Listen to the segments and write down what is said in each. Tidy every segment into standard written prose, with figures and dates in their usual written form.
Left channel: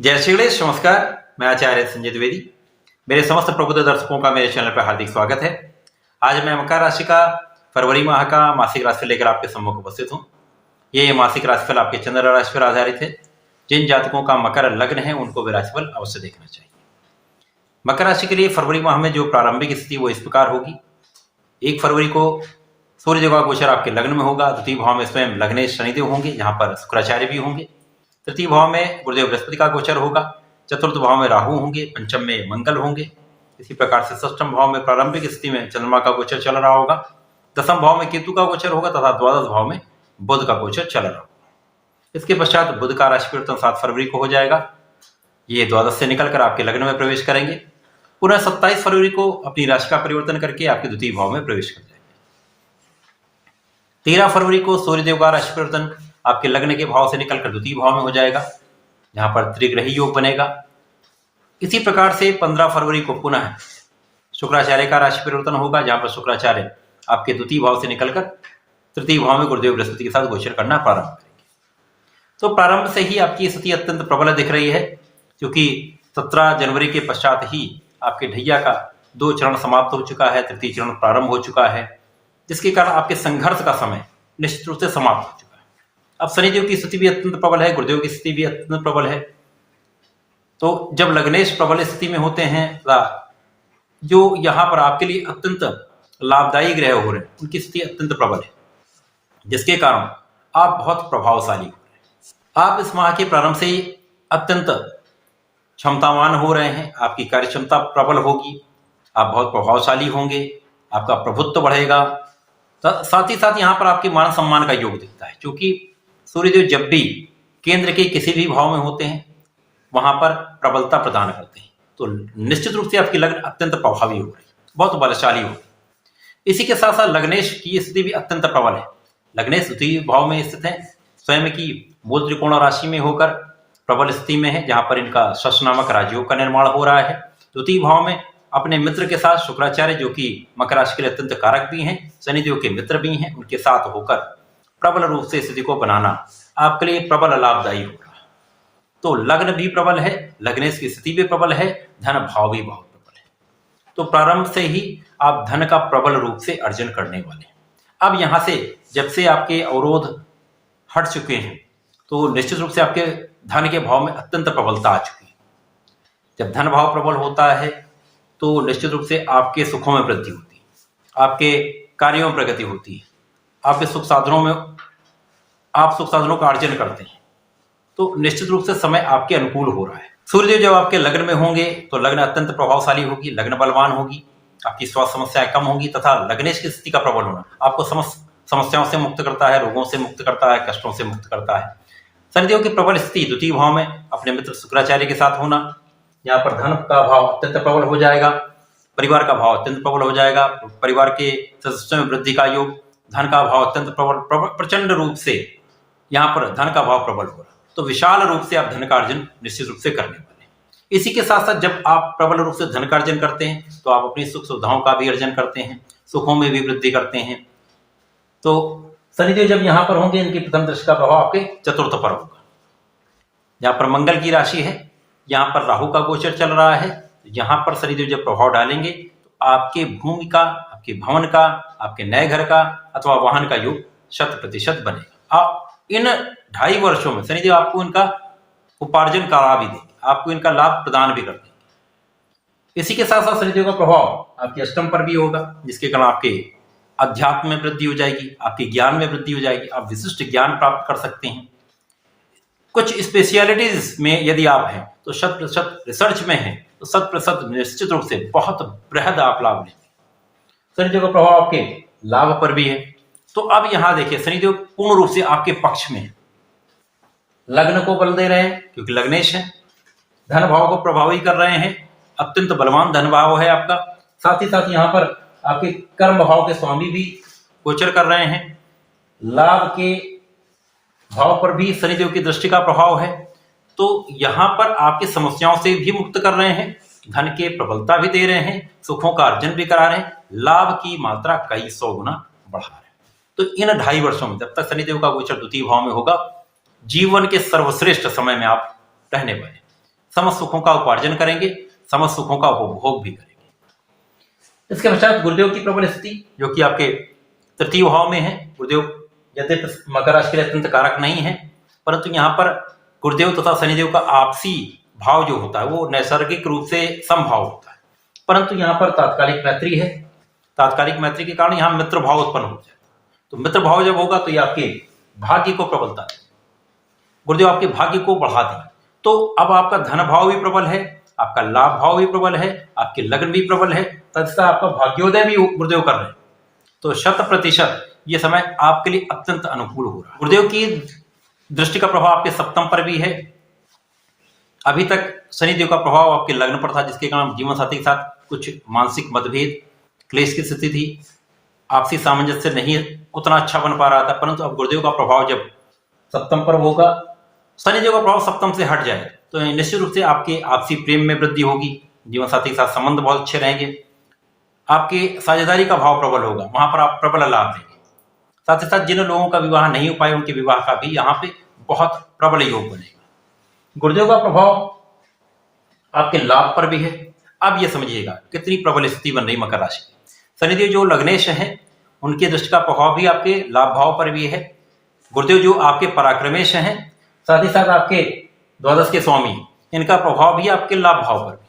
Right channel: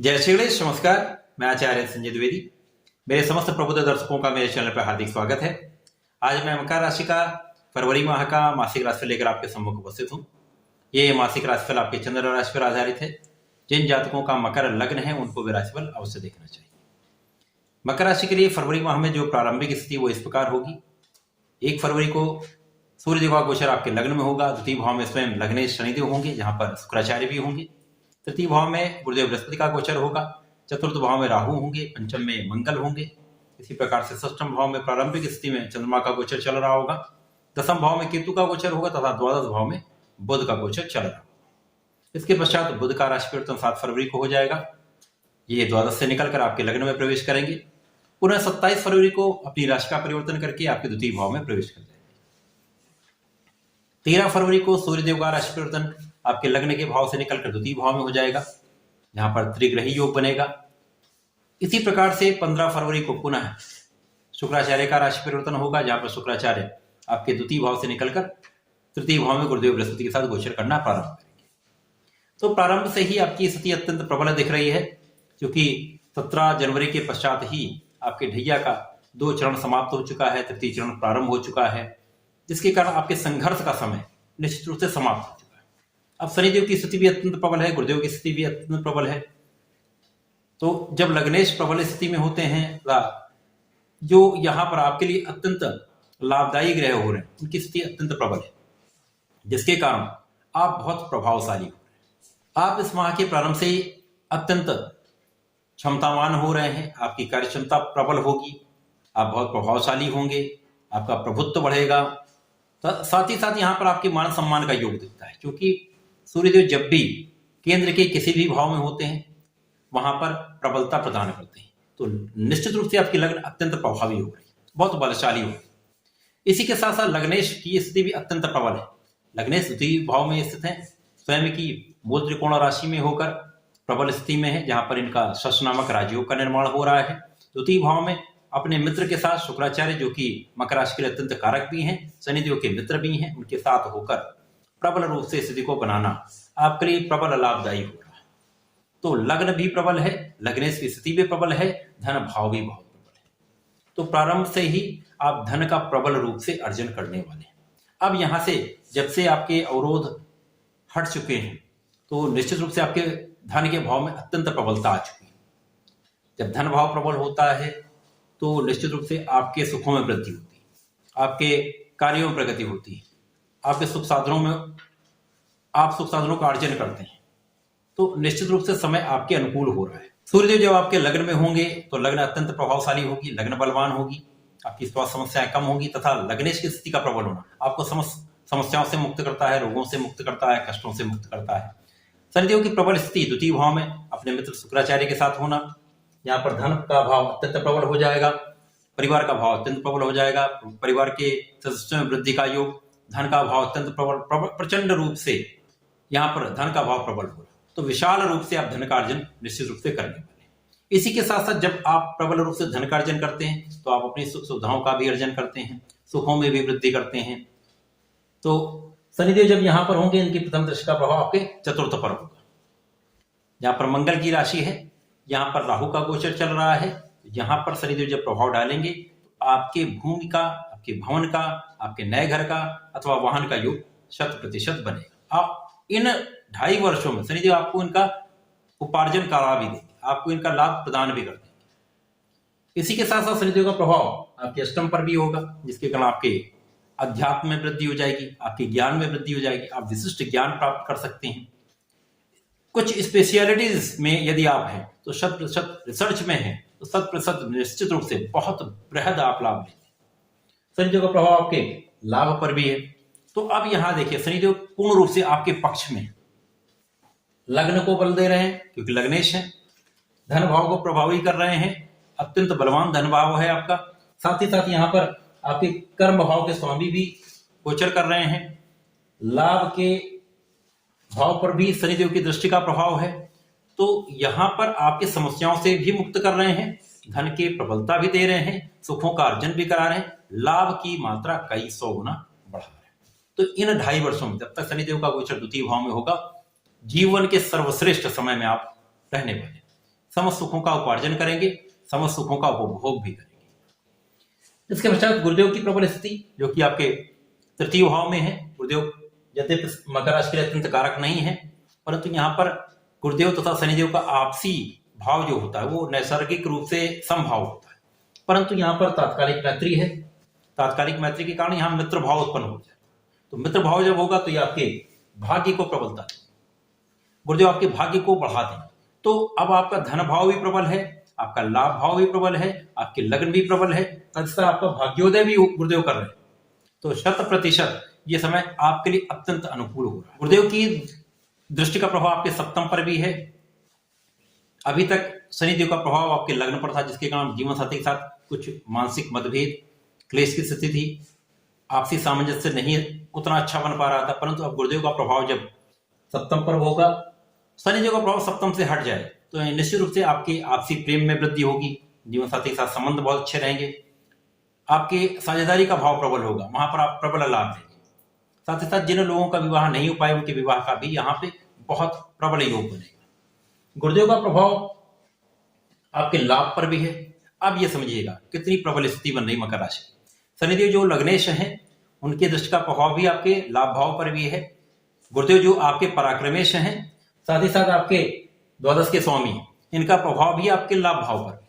जय श्री गणेश। नमस्कार, मैं आचार्य संजय द्विवेदी। मेरे समस्त प्रबुद्ध दर्शकों का मेरे चैनल पर हार्दिक स्वागत है। आज मैं मकर राशि का फरवरी माह का मासिक राशिफल लेकर आपके सम्मुख उपस्थित हूँ। ये मासिक राशिफल आपके चंद्र राशि पर आधारित है। जिन जातकों का मकर लग्न है उनको भी राशिफल अवश्य देखना चाहिए। मकर राशि के लिए फरवरी माह में जो प्रारंभिक स्थिति वो इस प्रकार होगी। 1 फरवरी को सूर्य देव का गोचर आपके लग्न में होगा। द्वितीय भाव में स्वयं लग्नेश शनिदेव होंगे, जहां पर शुक्राचार्य भी होंगे। तृतीय भाव में गुरुदेव बृहस्पति का गोचर होगा। चतुर्थ भाव में राहु होंगे, पंचम में मंगल होंगे। इसी प्रकार से षष्ठम भाव में प्रारंभिक स्थिति में चंद्रमा का गोचर चल रहा होगा। दसम भाव में केतु का गोचर होगा तथा द्वादश भाव में बुध का गोचर चल रहा होगा। इसके पश्चात बुध का राशि परिवर्तन 7 फरवरी को हो जाएगा। ये द्वादश से निकलकर आपके लग्न में प्रवेश करेंगे। पुनः 27 फरवरी को अपनी राशि का परिवर्तन करके आपके द्वितीय भाव में प्रवेश कर जाएंगे। 13 फरवरी को सूर्यदेव का राशि परिवर्तन आपके लग्न के भाव से निकलकर द्वितीय भाव में हो जाएगा, जहां पर त्रिग्रही योग बनेगा। इसी प्रकार से 15 फरवरी को पुनः शुक्राचार्य का राशि परिवर्तन होगा, जहां पर शुक्राचार्य आपके द्वितीय भाव से निकलकर तृतीय भाव में गुरुदेव बृहस्पति के साथ गोचर करना प्रारंभ करेंगे। तो प्रारंभ से ही आपकी स्थिति अत्यंत प्रबल दिख रही है, क्योंकि 17 जनवरी के पश्चात ही आपके ढैया का 2 चरण समाप्त हो चुका है, तृतीय चरण प्रारंभ हो चुका है, जिसके कारण आपके संघर्ष का समय निश्चित रूप से समाप्त हो चुका है। अब शनिदेव की स्थिति भी अत्यंत प्रबल है, गुरुदेव की स्थिति भी अत्यंत प्रबल है। तो जब लग्नेश प्रबल स्थिति में होते हैं, जो यहाँ पर आपके लिए अत्यंत लाभदायी ग्रह हो रहे हैं, उनकी स्थिति अत्यंत प्रबल है, जिसके कारण आप बहुत प्रभावशाली हो रहे हैं। आप इस माह के प्रारंभ से ही अत्यंत क्षमतावान हो रहे हैं। आपकी कार्य क्षमता प्रबल होगी, आप बहुत प्रभावशाली होंगे, आपका प्रभुत्व बढ़ेगा। साथ ही साथ यहाँ पर आपके मान सम्मान का योग दिखता है, क्योंकि सूर्यदेव जब भी केंद्र के किसी भी भाव में होते हैं वहां पर प्रबलता प्रदान करते हैं। तो निश्चित रूप से आपकी लग्न अत्यंत प्रभावी हो रही है, बहुत बलशाली हो रही है। इसी के साथ साथ लग्नेश की स्थिति भी अत्यंत प्रबल है। लग्नेश द्वितीय भाव में स्थित है, स्वयं की मूल त्रिकोण राशि में होकर प्रबल स्थिति में है, जहां पर इनका शश नामक राजयोग का निर्माण हो रहा है। द्वितीय भाव में अपने मित्र के साथ शुक्राचार्य, जो कि मकर राशि के लिए अत्यंत कारक भी हैं, शनिदेव के मित्र भी हैं, उनके साथ होकर प्रबल रूप से स्थिति को बनाना आपके लिए प्रबल लाभदायी होगा। तो लग्न भी प्रबल है, लग्नेश की स्थिति भी प्रबल है, धन भाव भी बहुत प्रबल है। तो प्रारंभ से ही आप धन का प्रबल रूप से अर्जन करने वाले हैं। अब यहां से जब से आपके अवरोध हट चुके हैं, तो निश्चित रूप से आपके धन के भाव में अत्यंत प्रबलता आ चुकी है। जब धन भाव प्रबल होता है तो निश्चित रूप से आपके सुखों में वृद्धि होती है, आपके कार्यों में प्रगति होती है, आपके सुख साधनों में आप सुख साधनों का अर्जन करते हैं। तो निश्चित रूप से समय आपके अनुकूल हो रहा है। सूर्यदेव जब आपके लग्न में होंगे तो लग्न अत्यंत प्रभावशाली होगी, लग्न बलवान होगी, आपकी स्वास्थ्य समस्याएं कम होगी, तथा लग्नेश की स्थिति का प्रबल होना आपको समस्याओं से मुक्त करता है, रोगों से मुक्त करता है, कष्टों से मुक्त करता है। शनिदेव की प्रबल स्थिति द्वितीय भाव में अपने मित्र शुक्राचार्य के साथ होना, यहाँ पर धन का भाव अत्यंत प्रबल हो जाएगा, परिवार का भाव अत्यंत प्रबल हो जाएगा, परिवार के सदस्यों में वृद्धि का योग, धन का भाव अत्यंत प्रबल प्रचंड रूप से यहाँ पर धन का भाव प्रबल हो रहा है। तो विशाल रूप से आप धन का अर्जन निश्चित रूप से करने वाले हैं। इसी के साथ साथ जब आप प्रबल रूप से धन का अर्जन करते हैं तो आप अपनी सुख सुविधाओं का भी अर्जन करते हैं, सुखों में भी वृद्धि करते हैं। तो शनिदेव जब यहाँ पर होंगे, इनकी प्रथम दृष्टि का प्रभाव आपके चतुर्थ पर होगा। यहाँ पर मंगल की राशि है, यहाँ पर राहु का गोचर चल रहा है। यहाँ पर शनिदेव जब प्रभाव डालेंगे तो आपके भूमि का, आपके भवन का, आपके नए घर का अथवा वाहन का योग 100% बनेगा। आप इन 2.5 वर्षों में शनिदेव आपको इनका उपार्जन करा भी देंगे, आपको इनका लाभ प्रदान भी कर देंगे। इसी के साथ साथ शनिदेव का प्रभाव आपके अष्टम पर भी होगा, जिसके कारण आपके अध्यात्म में वृद्धि हो जाएगी, आपके ज्ञान में वृद्धि हो जाएगी, आप विशिष्ट ज्ञान प्राप्त कर सकते हैं। कुछ स्पेशलिटीज में यदि आप हैं तो 100% रिसर्च में हैं तो 100% निश्चित रूप से बहुत बृहद आप लाभ लेंगे। शनिदेव का प्रभाव आपके लाभ पर भी है। तो अब यहां देखिए, शनिदेव पूर्ण रूप से आपके पक्ष में है, लग्न को बल दे रहे हैं क्योंकि लग्नेश है, धन भाव को प्रभावी कर रहे हैं, अत्यंत बलवान धन भाव है आपका। साथ ही साथ यहाँ पर आपके कर्म भाव के स्वामी भी गोचर कर रहे हैं। लाभ के भाव पर भी शनिदेव की दृष्टि का प्रभाव है। तो यहाँ पर आपकी समस्याओं से भी मुक्त कर रहे हैं, धन के प्रबलता भी दे रहे हैं, सुखों का अर्जन भी करा रहे हैं, लाभ की मात्रा कई 100 गुना बढ़ा रहे हैं। तो इन 2.5 वर्षों में जब तक शनिदेव का गोचर द्वितीय भाव में होगा, जीवन के सर्वश्रेष्ठ समय में आप रहने वाले। समस्त सुखों का उपार्जन करेंगे, समस्त सुखों का उपभोग भी करेंगे। इसके पश्चात गुरुदेव की प्रबल स्थिति जो कि आपके तृतीय भाव में है। गुरुदेव यद्यपि मकर राशि के लिए अत्यंत कारक नहीं है, परंतु यहाँ पर गुरुदेव तथा शनिदेव का आपसी भाव जो होता है वो नैसर्गिक रूप से समभाव होता है, परंतु यहाँ पर तात्कालिक मैत्री है। तात्कालिक मैत्री के कारण यहाँ मित्र भाव उत्पन्न हो जाए, तो मित्र भाव जब होगा तो ये आपके भाग्य को प्रबलता है, गुरुदेव आपके भाग्य को बढ़ा दें। तो अब आपका धन भाव भी प्रबल है, आपका लाभ भाव भी प्रबल है, आपके लग्न भी प्रबल है, तथा आपका भाग्योदय भी गुरुदेव कर रहे हैं। तो 100% ये समय आपके लिए अत्यंत अनुकूल हो रहा है। गुरुदेव की दृष्टि का प्रभाव आपके सप्तम पर भी है। अभी तक शनिदेव का प्रभाव आपके लग्न पर था, जिसके कारण जीवन साथी के साथ कुछ मानसिक मतभेद, क्लेश की स्थिति थी, आपसी सामंजस्य नहीं उतना अच्छा बन पा रहा था, परंतु अब गुरुदेव का प्रभाव जब सप्तम पर होगा, शनिदेव का प्रभाव सप्तम से हट जाए तो निश्चित रूप से आपके आपसी प्रेम में वृद्धि होगी, जीवन साथी के साथ संबंध बहुत अच्छे रहेंगे, आपके साझेदारी का भाव प्रबल होगा, वहां पर आप प्रबल लाभ लेंगे। साथ ही साथ जिन लोगों का विवाह नहीं हो पाए उनके विवाह का भी यहाँ पे बहुत प्रबल योग बनेगा। गुरुदेव का प्रभाव आपके लाभ पर भी है। अब ये समझिएगा कितनी प्रबल स्थिति बन रही मकर राशि। शनिदेव जो लग्नेश हैं उनके दृष्टि का प्रभाव भी आपके लाभ भाव पर भी है। गुरुदेव जो आपके पराक्रमेश हैं, साथ ही साथ आपके द्वादश के स्वामी, इनका प्रभाव भी आपके लाभ भाव पर भी।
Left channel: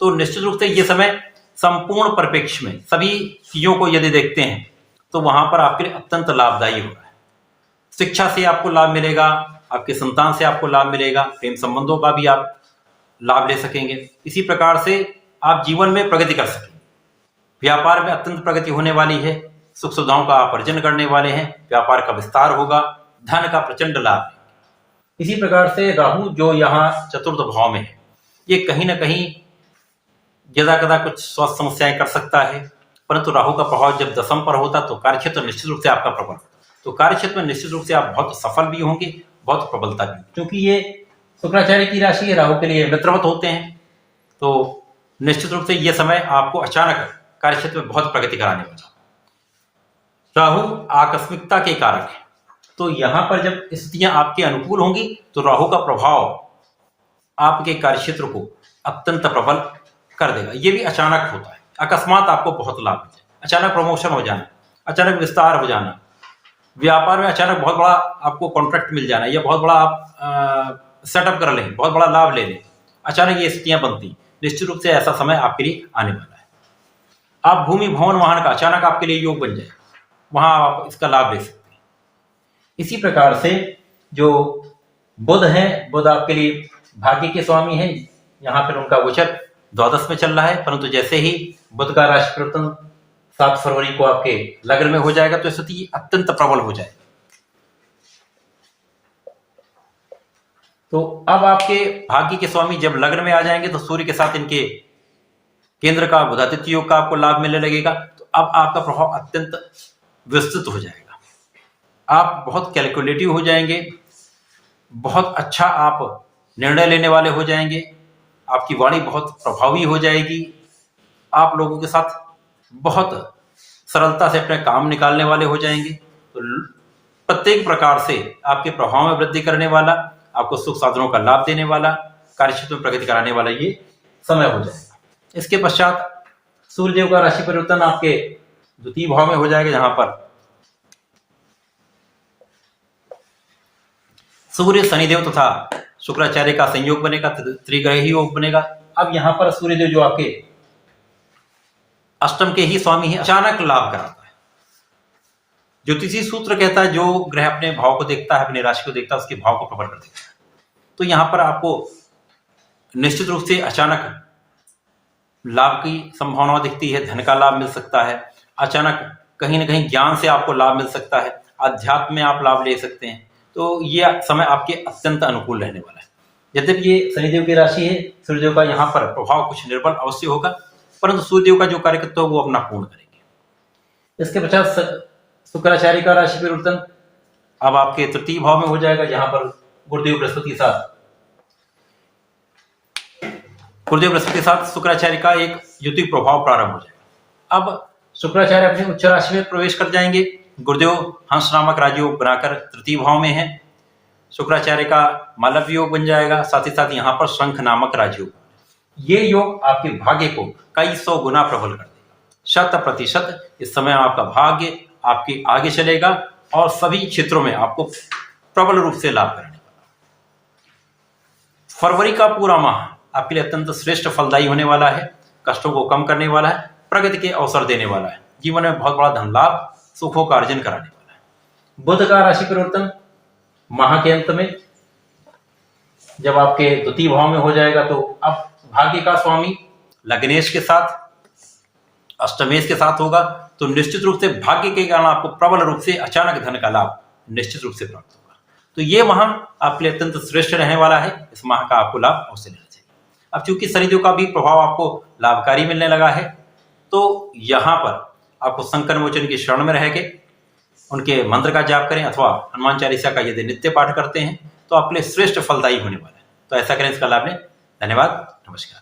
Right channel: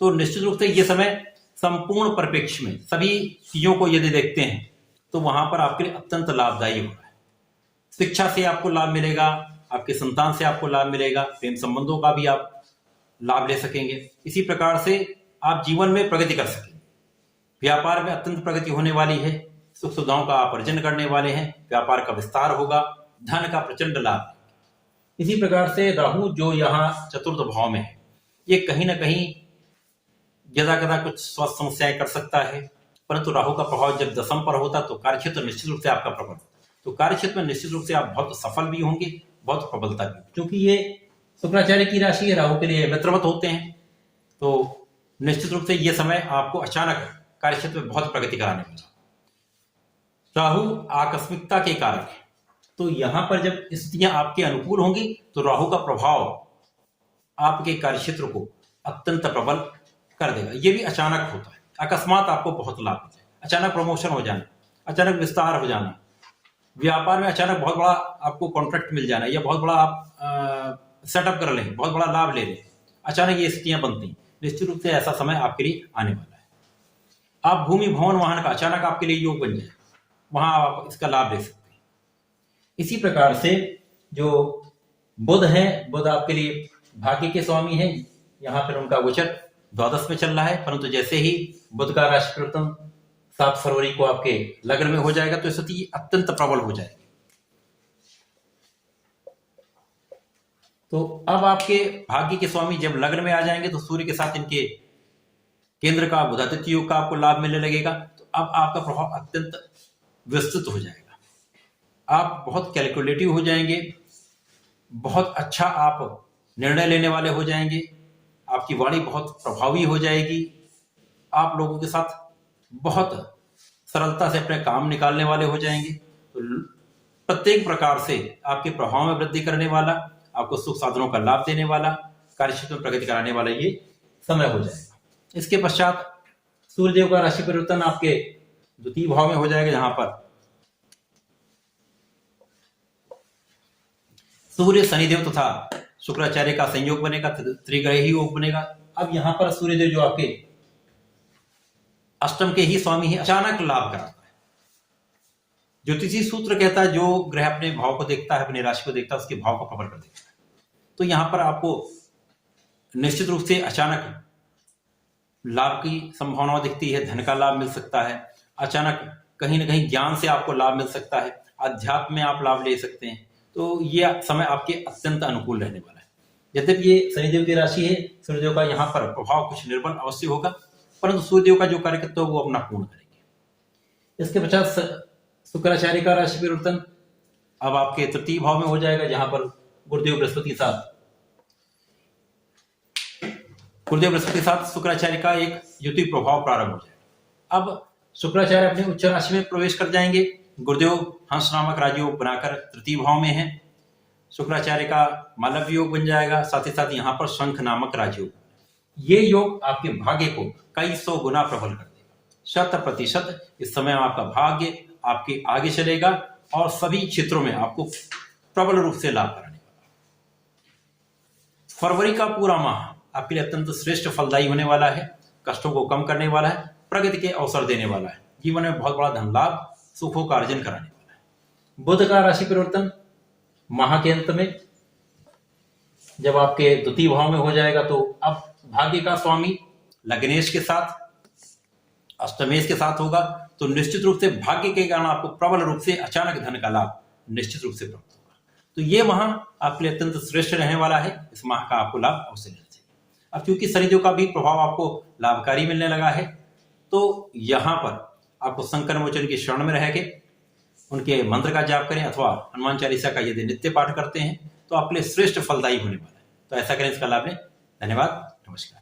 तो निश्चित रूप से ये समय संपूर्ण परिप्रेक्ष्य में सभी चीजों को यदि देखते हैं तो वहां पर आपके लिए अत्यंत लाभदायी हो रहा है। शिक्षा से आपको लाभ मिलेगा, आपके संतान से आपको लाभ मिलेगा, प्रेम संबंधों का भी आप लाभ ले सकेंगे। इसी प्रकार से आप जीवन में प्रगति कर सकेंगे। व्यापार में अत्यंत प्रगति होने वाली है, सुख सुविधाओं का आप अर्जन करने वाले हैं, व्यापार का विस्तार होगा, धन का प्रचंड लाभ। इसी प्रकार से राहु जो यहाँ चतुर्थ भाव में है, ये कहीं ना कहीं यदा कदा कुछ स्वास्थ्य समस्याएं कर सकता है, परंतु राहु का प्रभाव जब दशम पर होता तो कार्यक्षेत्र निश्चित रूप से आपका प्रबल, तो कार्यक्षेत्र में निश्चित रूप से आप बहुत सफल भी होंगे, बहुत प्रबलता भी, क्योंकि ये शुक्राचार्य की राशि है, राहु के लिए मित्रवत होते हैं। तो निश्चित रूप से यह समय आपको अचानक कार्यक्षेत्र में बहुत प्रगति कराने वाला। राहु आकस्मिकता के कारक है, तो यहां पर जब स्थितियां आपके अनुकूल होंगी तो राहु का प्रभाव आपके कार्यक्षेत्र को अत्यंत प्रबल कर देगा। ये भी अचानक होता है, अकस्मात आपको बहुत लाभ मिल जाए, अचानक प्रमोशन हो जाना, अचानक विस्तार हो जाना, व्यापार में अचानक बहुत बड़ा आपको कॉन्ट्रैक्ट मिल जाना, या बहुत बड़ा आप सेटअप कर लें, बहुत बड़ा लाभ ले लें, अचानक ये स्थितियां बनती। निश्चित रूप से ऐसा समय आपके लिए आने वाला है। आप भूमि भवन वाहन का अचानक आपके लिए योग बन जाए, वहां आप इसका लाभ ले सकते हैं। इसी प्रकार से जो बुध हैं, बुध आपके लिए भाग्य के स्वामी हैं, यहाँ पर उनका गोचर द्वादश में चल रहा है, परंतु जैसे ही बुध का राशि परिवर्तन 7 फरवरी को आपके लग्न में हो जाएगा तो स्थिति अत्यंत प्रबल हो जाएगी। तो अब आपके भाग्य के स्वामी जब लग्न में आ जाएंगे तो सूर्य के साथ इनके केंद्र का बुधादित्य योग का आपको लाभ मिलने लगेगा। तो अब आपका प्रभाव अत्यंत विस्तृत हो जाएगा, आप बहुत कैलकुलेटिव हो जाएंगे, बहुत अच्छा आप निर्णय लेने वाले हो जाएंगे, आपकी वाणी बहुत प्रभावी हो जाएगी, आप लोगों के साथ बहुत सरलता से अपने काम निकालने वाले हो जाएंगे। तो प्रत्येक प्रकार से आपके प्रभाव में वृद्धि करने वाला, आपको सुख साधनों का लाभ देने वाला, कार्यक्षेत्र में प्रगति कराने वाला ये समय हो जाएगा। इसके पश्चात सूर्यदेव का राशि परिवर्तन आपके द्वितीय भाव में हो जाएगा, जहां पर सूर्य शनिदेव तथा शुक्राचार्य का संयोग बनेगा, त्रिग्रही योग बनेगा। अब यहां पर सूर्यदेव जो आपके अष्टम के ही स्वामी है, अचानक लाभ कराता है। ज्योतिषी सूत्र कहता है जो ग्रह अपने भाव को देखता है, अपनी राशि को देखता है, उसके भाव को प्रबल कर देता है। तो यहां पर आपको निश्चित रूप से अचानक लाभ की संभावना दिखती है, धन का लाभ मिल सकता है, अचानक कहीं ना कहीं ज्ञान से आपको लाभ मिल सकता है, अध्यात्म में आप लाभ ले सकते हैं। तो ये समय आपके अत्यंत अनुकूल रहने वाला है। यद्यपि ये शनिदेव की राशि है, सूर्यदेव का यहाँ पर प्रभाव कुछ निर्बल अवश्य होगा, परंतु सूर्यदेव का जो कार्यकर्ता है वो अपना पूर्ण करेंगे। इसके पश्चात शुक्राचार्य का राशि परिवर्तन अब आपके तृतीय भाव में हो जाएगा, जहां पर गुरुदेव बृहस्पति के साथ शुक्राचार्य का एक युति प्रभाव प्रारंभ हो जाएगा। अब शुक्राचार्य अपने उच्च राशि में प्रवेश कर जाएंगे। गुरुदेव हंस नामक राजयोग बनाकर तृतीय भाव में है, शुक्राचार्य का मालव्य योग बन जाएगा, साथ ही साथ यहाँ पर शंख नामक राजयोग। ये योग आपके भाग्य को कई 100 गुना प्रबल कर देगा। 100% इस समय आपका भाग्य आपके आगे चलेगा और सभी क्षेत्रों में आपको प्रबल रूप से लाभ करने वाला। फरवरी का पूरा माह आपके लिए अत्यंत श्रेष्ठ फलदायी होने वाला है, कष्टों को कम करने वाला है, प्रगति के अवसर देने वाला है, जीवन में बहुत बड़ा धन लाभ, सुखों का अर्जन कराने वाला है। बुध का राशि परिवर्तन माह के अंत में जब आपके द्वितीय भाव में हो जाएगा तो अब भाग्य का स्वामी लग्नेश के साथ अष्टमेश के साथ होगा, तो निश्चित रूप से भाग्य के कारण आपको प्रबल रूप से अचानक धन का लाभ निश्चित रूप से प्राप्त होगा। तो ये माह आपके लिए अत्यंत श्रेष्ठ रहने वाला है। इस माह का आपको लाभ अवश्य लेना चाहिए। अब चूंकि शनिदेव का भी प्रभाव आपको लाभकारी मिलने लगा है, तो यहाँ पर आपको संकट मोचन की शरण में रह के उनके मंत्र का जाप करें अथवा हनुमान चालीसा का यदि नित्य पाठ करते हैं तो आपके लिए श्रेष्ठ फलदायी होने वाला है। तो ऐसा करें, इसका लाभ लें। धन्यवाद, नमस्कार।